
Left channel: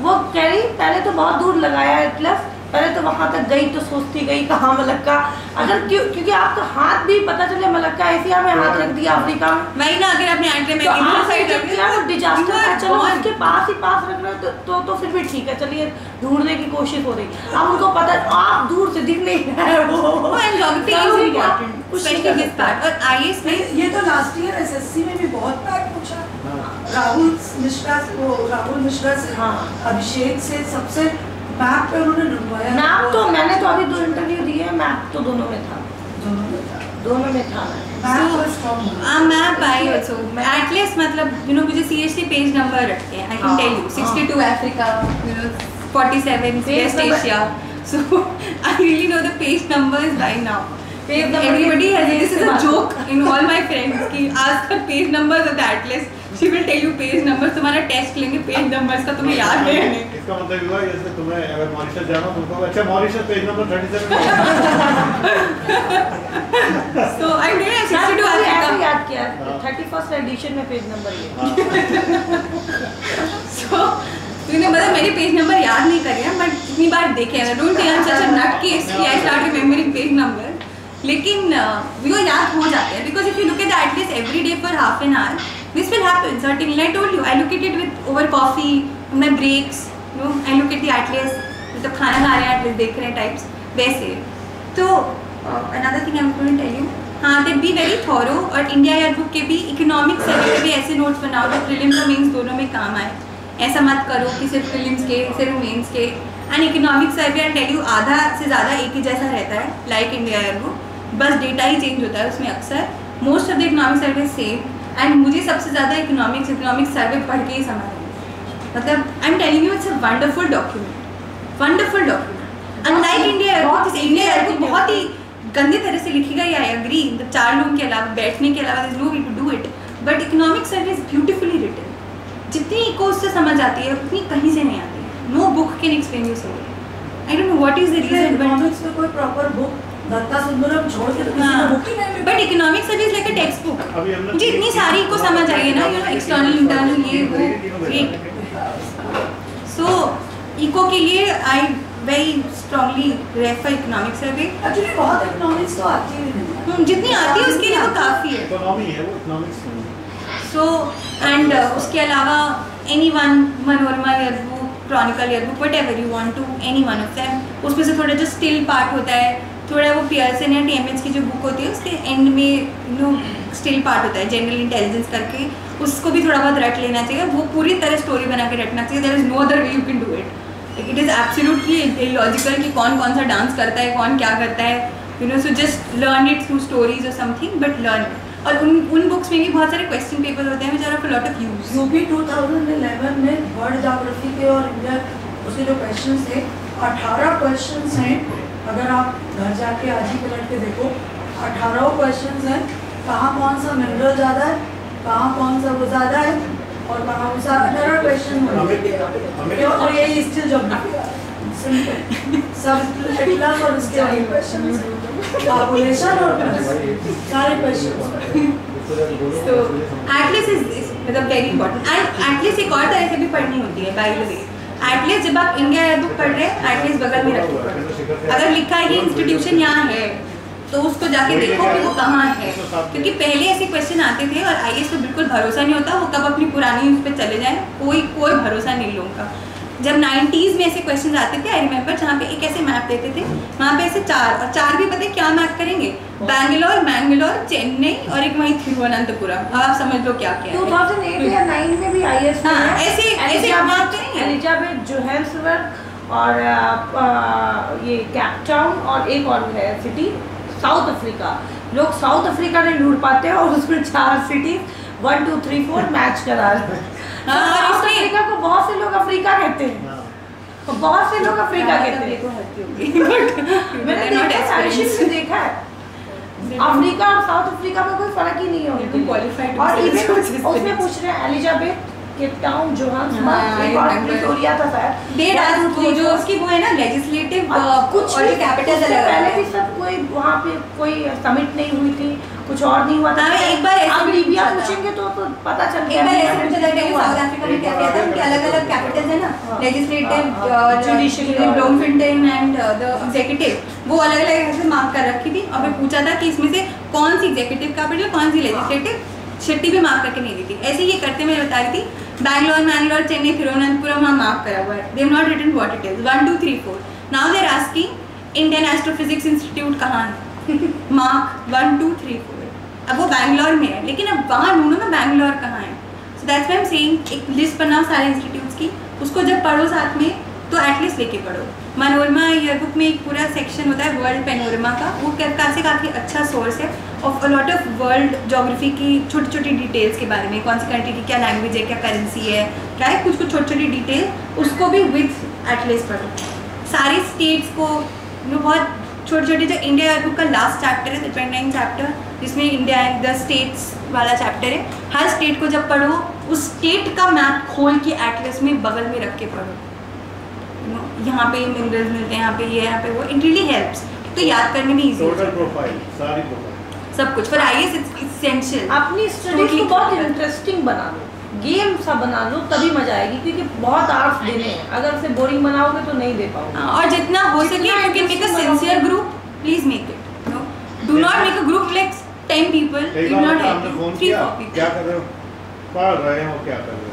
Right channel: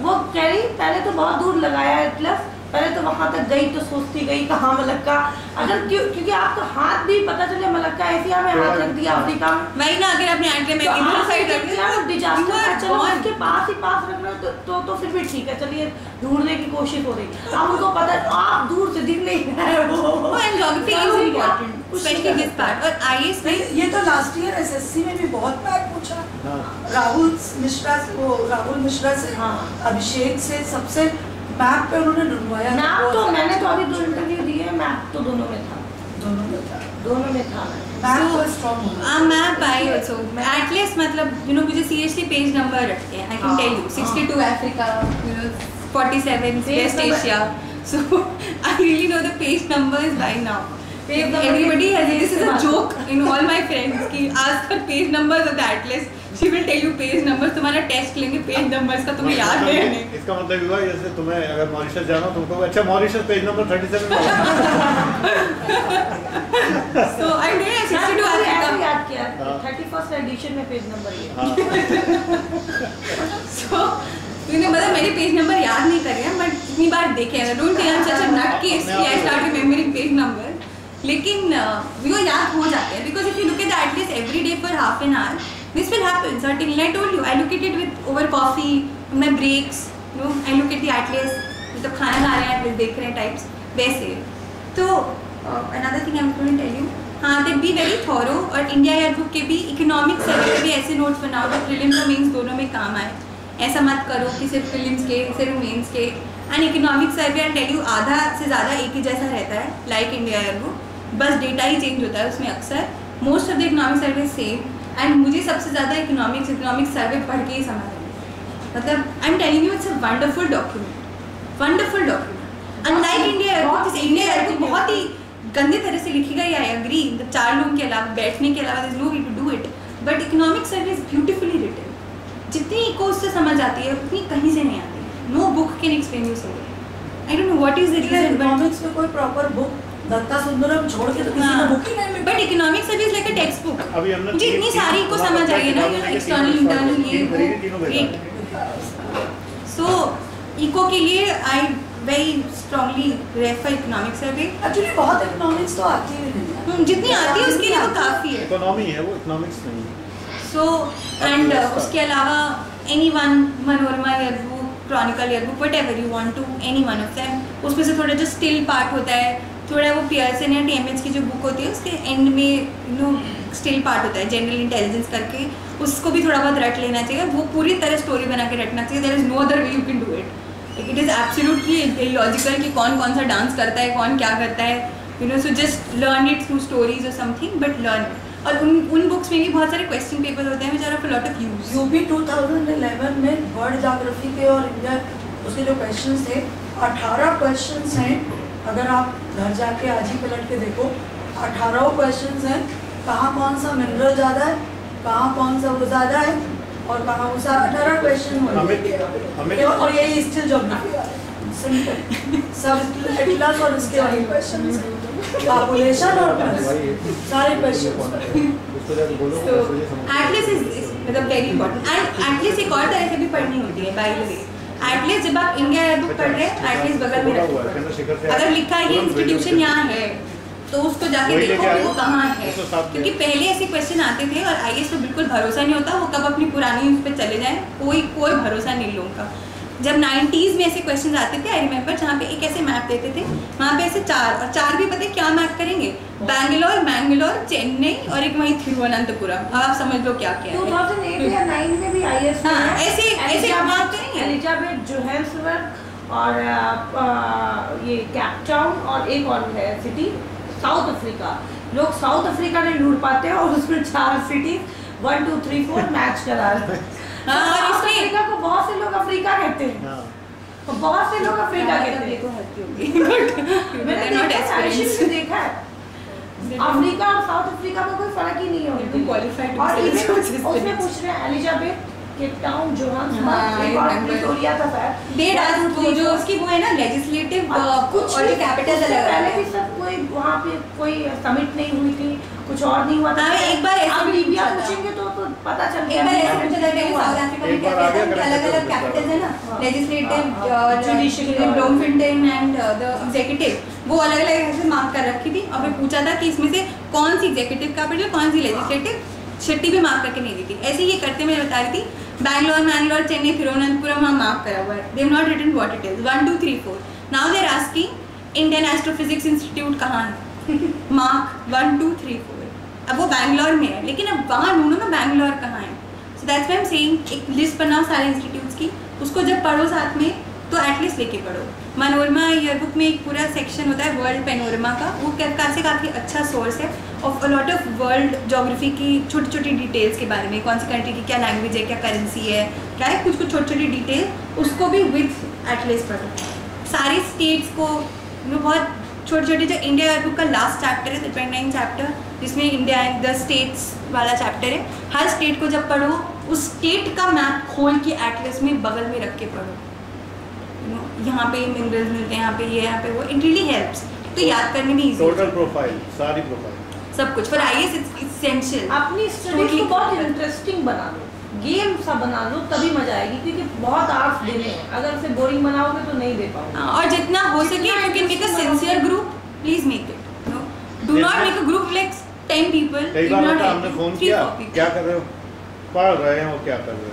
वो कह रही पहले तो बहुत दूर लगाया एटलस, पहले तो वहाँ तक गई तो सोचती गई कहाँ मलक्का, अगर क्योंकि आपका हाथ भी पता चले मलक्का एशिया में हाथ रख दिया, अफ्रीका में वही ना, अगर आपने एंट्री में इधर साइड रख दिया तो डिजास्टर, चलो उसके पास ही पास रख रहे हो तो फिर भी ठीक है, चलिए ढूंढने की कोशिश हो रही। अब उनको पता आप दूर से दिख नहीं रहे हो। Geography is important, specially this part. और आईएएस में ये तो लास्ट ईयर एसएससी में भी बहुत बार पूछा, राहुल मिश्रा से, अभिषेक से, सबसे मैप पे उन्होंने ढूंढवाया। मैप तो मैंने तो अभी 2 इंटरव्यू दिए, मैप तो दोनों में था। मैप आई ऑल्सो एटलीस्ट, मतलब मुझे सीरियसली पेज नंबर रखते हैं। I can tell you 62 Africa, 47 West Asia, so I really know the page numbers by now. Everybody has this is a joke in all my friends कि ask her page numbers of the atlas, she will tell you page numbers। तुम्हारा टेस्ट लेंगे पेज नंबर्स का, तुम्हें याद है नहीं। इसका मतलब हुआ जैसे तुम्हें अगर मॉरिशस जाना हो तुमको, अच्छा Mauritius page number 37 so I did 62 ऐसे याद किया 31st एडिशन में पेज नंबर ये। so तूने मतलब मेरे पेज नंबर याद नहीं कर रहा, बट इतनी बार देखे हैं। Don't think I am such a nut case कि I start remembering page number, लेकिन वो याद हो जाते हैं because if you look at the atlas every day for half an hour this will happen certainly. I told you I look at it with over coffee, my breaks, I look at the atlas, मतलब खाना खा रहे हैं एटलीस्ट देख रहे हैं टाइप्स वैसे। तो another thing I am going to tell you, हाँ दैट बी वेरी थॉरो। और इंडिया ईयर बुक के भी इकोनॉमिक्स सर्वे के भी ऐसे नोट्स बनाओ जो प्रीलिम्स और मेंस दोनों में काम आए। ऐसा मत करो कि सिर्फ प्रीलिम्स के सिर्फ मेंस के। एंड economics survey and tell you आधा से ज़्यादा एक ही जैसा रहता है लाइक इंडिया ईयर बुक, बस डेटा ही चेंज होता है उसमें अक्सर। Most of the economic survey same. And मुझे सबसे ज़्यादा इकोनॉमिक सर्वे पढ़ के ही समझ आया। मतलब I am telling you it's a wonderful document. Unlike India year book बहुत ही गंदे तरह से लिखी गई, आई एग्री, 4 लोगों के अलावा बैठने के अलावा no way to do it, but economic survey is beautifully written. जितनी इको उससे समझ आती है उतनी कहीं से नहीं आती है। No book can explain you so. I don't know what is the reason, but economics में कोई प्रॉपर बुक दत्ता सुंदरम छोड़ के तो किसी ने बुक ही नहीं मिली। But economic survey is like a textbook. मुझे इतनी सारी को समझ आई है ना, एक्सटर्नल इंटरनल ये वो ग्रेट। सो इको के लिए I very strongly refer economic survey. Actually बहुत इकोनॉमिक्स तो आती ही नहीं, जितनी आती है उसके लिए वो काफ़ी है। इकोनॉमी है वो, इकोनॉमिक्स नहीं। सो एंड उसके अलावा anyone, Manorama year book, chronicle year book, whatever you want to, any one of them, उसमें से थोड़ा जो स्टिल पार्ट होता है, थोड़ा वो पियर्सन या टीएमएच की जो बुक होती है उसके एंड में स्टिल पार्ट होता है जनरल इंटेलिजेंस करके, उसको भी थोड़ा बहुत रट लेना चाहिए। वो पूरी तरह स्टोरी बना के रटना चाहिए। There is no other way you can do it. It is absolutely illogical कि कौन कौन सा डांस करता है, कौन क्या करता है, so just learn it through stories और समथिंग, बट लर्न। और उन बुक्स में भी बहुत सारे क्वेश्चन पेपर होते हैं which are of a lot of use. UP 2011 में वर्ल्ड ज्योग्राफी के और इंडिया उसके जो क्वेश्चन थे 18 क्वेश्चन हैं। अगर आप घर जाके आज ही पलट के देखो 18 क्वेश्चन हैं। कहाँ कौन सा मिनरल ज़्यादा है, कहाँ कौन सा वो ज़्यादा है और कहाँ वो सा 18 क्वेश्चन होंगे। और यही स्टिल ज्योग्राफी सिंपल सब एटलस और उसके वही क्वेश्चन पॉपुलेशन और सारे क्वेश्चन। So एटलीस्ट इज मतलब वेरी इंपॉर्टेंट। एंड एटलीस्ट एक और तरह से भी पढ़नी होती है बाय द वे। एटलीस्ट जब आप इंडिया ईयर बुक पढ़ रहे हैं एटलीस्ट बगल में रखो, अगर लिखा है कि इंस्टीट्यूशन यहाँ है तो उसको जाके देखो कि वो कहाँ है, क्योंकि पहले ऐसे क्वेश्चन आते थे और आईएएस पे बिल्कुल भरोसा नहीं होता, वो कब अपनी पुरानी उस पर चले जाएं, कोई भरोसा नहीं लोगों का। जब 90s में ऐसे क्वेश्चन आते थे आई रिमेंबर, जहाँ पे एक ऐसे मैप देते थे, वहाँ पे ऐसे 4 और 4 भी पता है क्या मैप करेंगे, बैंगलोर, मैंगलोर, चेन्नई और एक वहीं थिरुवनंतपुरम। अब आप समझ लो क्या क्या है। 2008 या 9 में भी आईएएस ऐसे मैप करेंगे। एलिजाबेथ जोहान्सबर्ग और ये कैप टाउन और एक और है सिटी साउथ अफ्रीका। लोग साउथ अफ्रीका नहीं ढूंढ पाते हैं और उसमें 4 सिटी 1 2 3 4 मैच करा रहे हैं। और अफ्रीका को बहुत से लोग अफ्रीका कहते हैं, बहुत से लोग अफ्रीका कहते हैं। मैंने देखा है अफ्रीका और साउथ अफ्रीका में कोई फर्क ही नहीं है। और उसमें पूछ रहे हैं Elizabeth Cape Town Johannesburg Pretoria था शायद, जो उसकी वो है ना लेजिस्लेटिव कुछ और कैपिटल पहले भी सब कोई वहाँ पे कोई समिट नहीं हुई थी, कुछ और नहीं हुआ था। एक बार अब लीबिया पूछेंगे तो पता चल गया। एक बार ऐसे पूछा था कि साउथ अफ्रीका में क्या कहते हैं, उनके अलग-अलग कैपिटल्स है ना, लेजिस्लेटिव और जुडिशियल, ब्लोमफिल्टन एंड द एग्जीक्यूटिव, वो अलग-अलग ऐसे मार्क कर रखी थी। और फिर पूछा था कि इसमें से कौन सी एग्जीक्यूटिव कैपिटल, कौन सी लेजिस्लेटिव, छुट्टी भी मार्क करके नहीं दी थी। ऐसे ये करते मैं बता रही थी, बैंगलोर, मैंगलोर, चेन्नई, थिरुवनंतपुरम वहाँ मार्क करा हुआ है। They have not written what it is 1 2 3 4। Now they are asking Indian astrophysics institute कहाँ है, मार्क 1 2 3 4। अब वो बैंगलोर में है, लेकिन अब वहाँ ढूंढो ना बैंगलोर कहाँ है। So that's why I am saying एक लिस्ट बनाओ सारे इंस्टीट्यूट्स की, उसको जब पढ़ो साथ में तो एटलीस्ट लेके पढ़ो। मनोरमा ईयरबुक में एक पूरा सेक्शन होता है वर्ल्ड पैनोरमा का, वो काफ़ी अच्छा सोर्स है of a lot of world geography की छोटी छोटी डिटेल्स के बारे में, कौन सी कंट्री की क्या लैंग्वेज है, क्या करेंसी है, क्या है, कुछ छोटी छोटी डिटेल, उसको भी विथ एटलीस्ट पढ़ो। सारे स्टेट्स को बहुत छोटे छोटे, जो इंडिया ईयरबुक का लास्ट चैप्टर है 29 चैप्टर, जिसमें इंडिया एंड द स्टेट्स वाला चैप्टर है, हर स्टेट को जब पढ़ो उस स्टेट का मैप खोल के एटलस में बगल में रख के पढ़ो। यहाँ पे मिनरल्स मिलते हैं, यहाँ पे ये, यहाँ पे वो, इट रियली हेल्प्स। तो याद करने में इजी, टोटल प्रोफाइल, सारी प्रोफाइल, सब कुछ फॉर आईएएस इट्स एसेंशियल। अपनी स्टडीज को बहुत इंटरेस्टिंग बना लो, गेम सा बना लो, तभी मजा आएगी, क्योंकि बहुत आर्ट्स देने हैं, अगर उसे बोरिंग बनाओगे तो नहीं दे पाओगे। और जितना हो सके you can make a sincere group, please make it. Do not make a group like 10 people, you not हमने फोन किया, क्या कर रहे हो, पढ़ रहे हैं, और क्या कर रहे हो।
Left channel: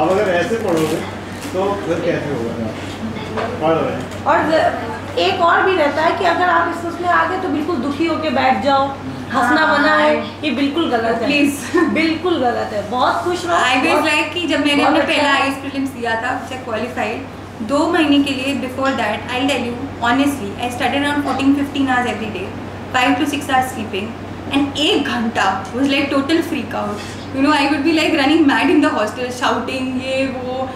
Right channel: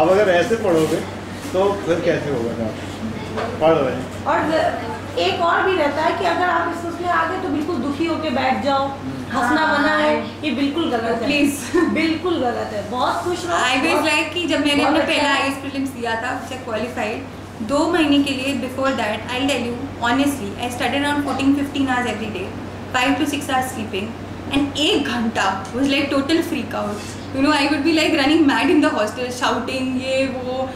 अब अगर ऐसे पढ़ोगे तो फिर कैसे होगा, पढ़ रहे हैं। और एक और भी रहता है कि अगर आप इस उसमें आ गए तो बिल्कुल दुखी होके बैठ जाओ, हंसना बना है, ये बिल्कुल गलत है, प्लीज बिल्कुल गलत है। बहुत खुश रहो। आई वाज लाइक कि जब मैंने अपना पहला आईएएस प्रीलिम्स दिया था, व्हिच आई क्वालिफाइड, 2 महीने के लिए before that I tell you honestly I studied around 14-15 hours every day, 5 to 6 hours sleeping, and 1 घंटा was like total freak out. You know, I would be like running mad in the hostel, shouting ये वो,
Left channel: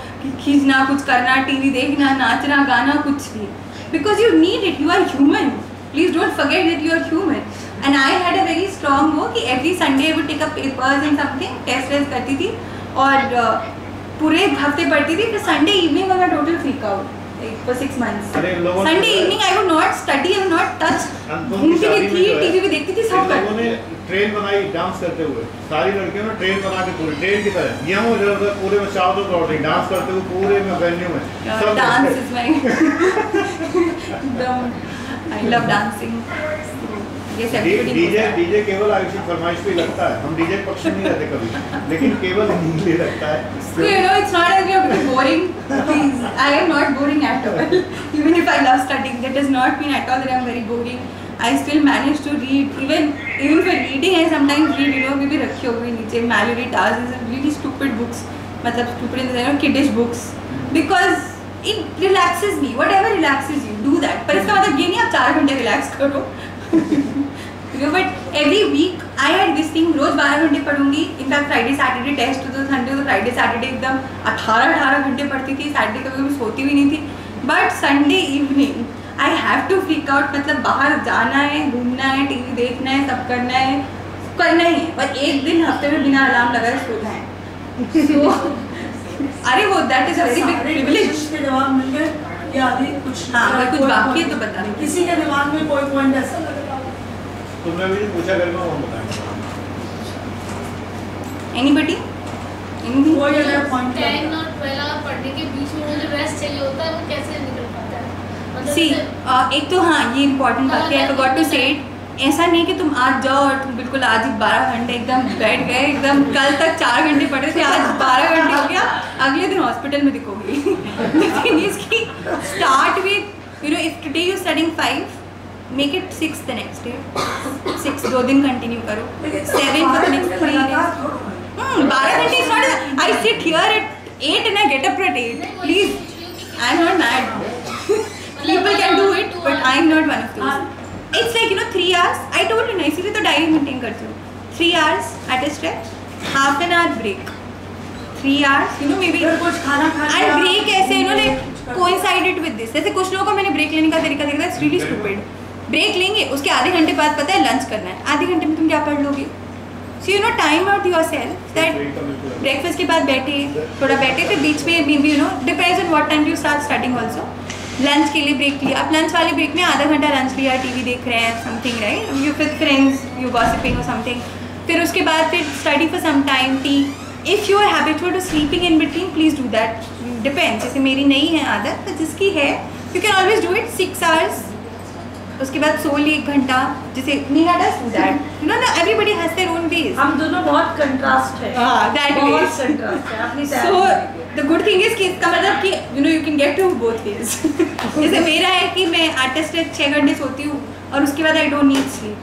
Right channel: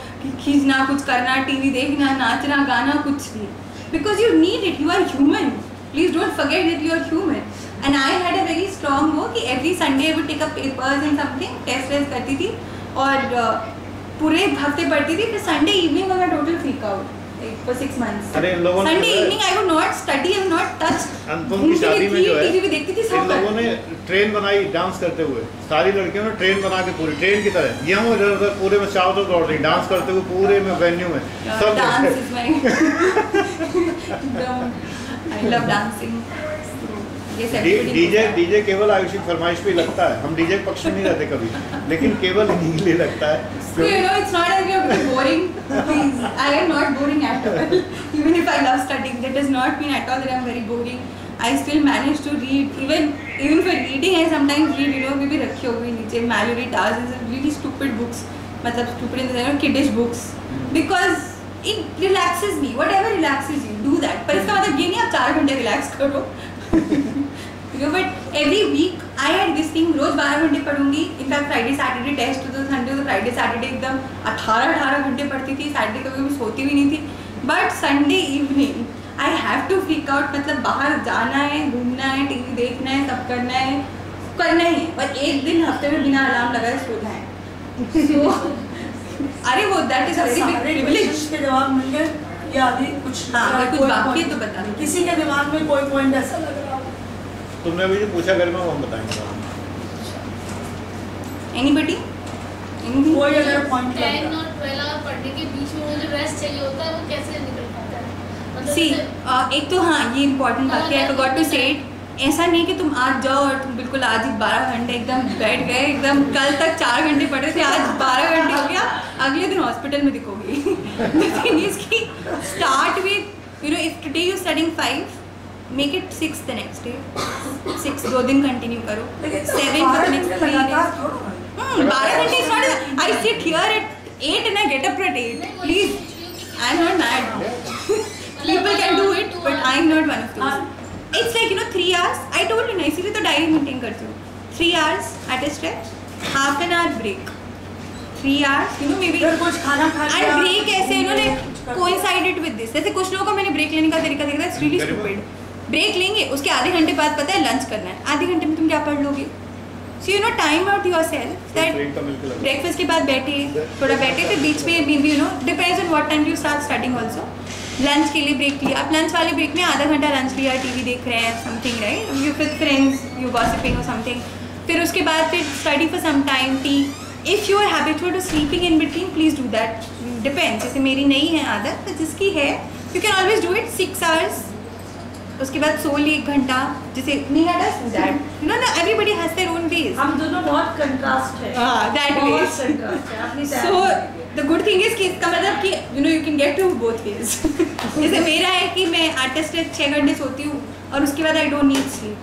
खींचना, कुछ करना, टीवी देखना, नाचना, गाना, कुछ भी, because you need it, you are human, please don't forget that you are human. And I had a very strong वो कि every Sunday I would take up papers and something, test करती थी और पूरे हफ्ते पढ़ती थी, फिर संडे इवनिंग मैं total freak out for 6 months. Sunday evening I would not study, I would not touch. TV भी देखती थी सब। लोगों ने ट्रेन बनाई डांस करते हुए, सारी लड़कियों ने ट्रेन बना के पूरी ट्रेन की तरह ये हम इधर उधर पूरे में चारों तरफ दौड़ रही डांस करते हुए पूरे में वेन्यू में। सब dance is my I love dancing. DJ केवल आयुषी फरमाइश पे लगता है, हम डीजे पक्ष में नहीं रहते कभी, लेकिन केवल इन्हीं लगता है। So you know, it's not as if I'm boring. Please, I am not boring at all. Even if I love studying, that does not mean at all that I'm very boring. I still manage to read. Even for reading, I sometimes read. You know, maybe रखी होगी नीचे Mallory Tars is really stupid books. मतलब stupid in the sense of kiddish books. Because it relaxes me. Whatever relaxes you, do that. पर इसका मतलब ये नहीं आप 4 घंटे relax करो. But every week I had this thing, रोज 12 घंटे पढ़ूंगी। इनफैक्ट फ्राइडे सैटरडे टेस्ट तो संडे तो फ्राइडे सैटरडे एकदम 18 घंटे पढ़ती थी। सैटरडे कभी भी सोती भी नहीं थी। But Sunday evening I have to freak out, मतलब बाहर जाना है, घूमना है, टीवी देखना है, सब करना है ही है। और एक दिन हफ्ते में बिना अलार्म लगाए सोना है। So, अरे वो that is a very big privilege. के जवाब मिल गए या अभी कुछ? हाँ, अगर कुछ बाकी है तो बता दो। किसी के दिमाग में कोई पॉइंट ऐसा लग रहा हो? तुमने भी जो पूछा कर मैं वो बताएंगे। Anybody? Anything? कोई अगर पॉइंट 10 और 12 पढ़ने के बीच में वो जो रेस्ट चाहिए होता है वो कैसे निकल पाता है? मतलब See, एक तो हाँ ये इम्पोर्टेंट बात है, I forgot to say it. ऐसा नहीं कि तुम आज जाओ और तुम बिल्कुल आज ही 12 घंटे एकदम बैठ गए, एकदम कल तक 4 घंटे पढ़े थे, आज 12 घंटे हो गया, अगले दिन हॉस्पिटल में दिखोगी। The thing is कि start with, you know, if today you're studying 5, make it 6 the next day. 6 2 दिन कंटिन्यू करो, 7 for the next 3 days. 12 घंटे is not. I sit here at 8 and I get up at 8. Please, I'm not mad. People can do it, but I'm not one of those. It's like, you know, 3 hours. I told you ना, इसीलिए तो डायरी मेंटेन करती हूँ। 3 hours at a stretch, half an hour break. 3 hours, you know, maybe. कुछ खाना खाना। And break ऐसे, you know, like coincided with this. जैसे कुछ लोगों को मैंने ब्रेक लेने का तरीका देखा था, it's really stupid. ब्रेक लेंगे, उसके आधे घंटे बाद पता है लंच करना है, आधे घंटे में तुम क्या पढ़ लोगे? So you know, time out yourself that breakfast के बाद बैठे, थोड़ा बैठे, फिर बीच में maybe, you know, depends on what time you start studying also. Lunch के लिए ब्रेक लिया, आप लंच वाले ब्रेक में आधा घंटा लंच लिया, टीवी देख रहे हैं, something right, you with friends, you gossiping और समथिंग, फिर उसके बाद फिर study for some time, tea. If you are habitual to sleeping in between, please do that, depends. जैसे मेरी नहीं है आदत, तो जिसकी है you can always do it 6 hours, उसके बाद सो ली 1 घंटा, जैसे Meera does that, you know ना, everybody has their own ways. हम दोनों बहुत कंट्रास्ट है। दैट बहुत वेज। कंट्रास्ट है अपनी So the good thing is कि इसका मतलब कि you can get to both ways. जैसे मेरा है कि मैं आर्टिस्ट 6 घंटे सोती हूँ और उसके बाद I don't need sleep,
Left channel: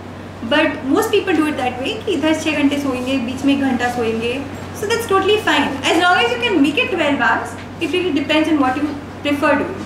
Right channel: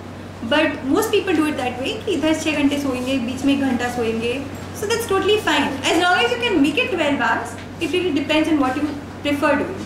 but most people do it that way कि इधर 6 घंटे सोएंगे, बीच में 1 घंटा सोएंगे, so that's totally fine as long as you can make it 12 hours. It really depends on what you prefer doing.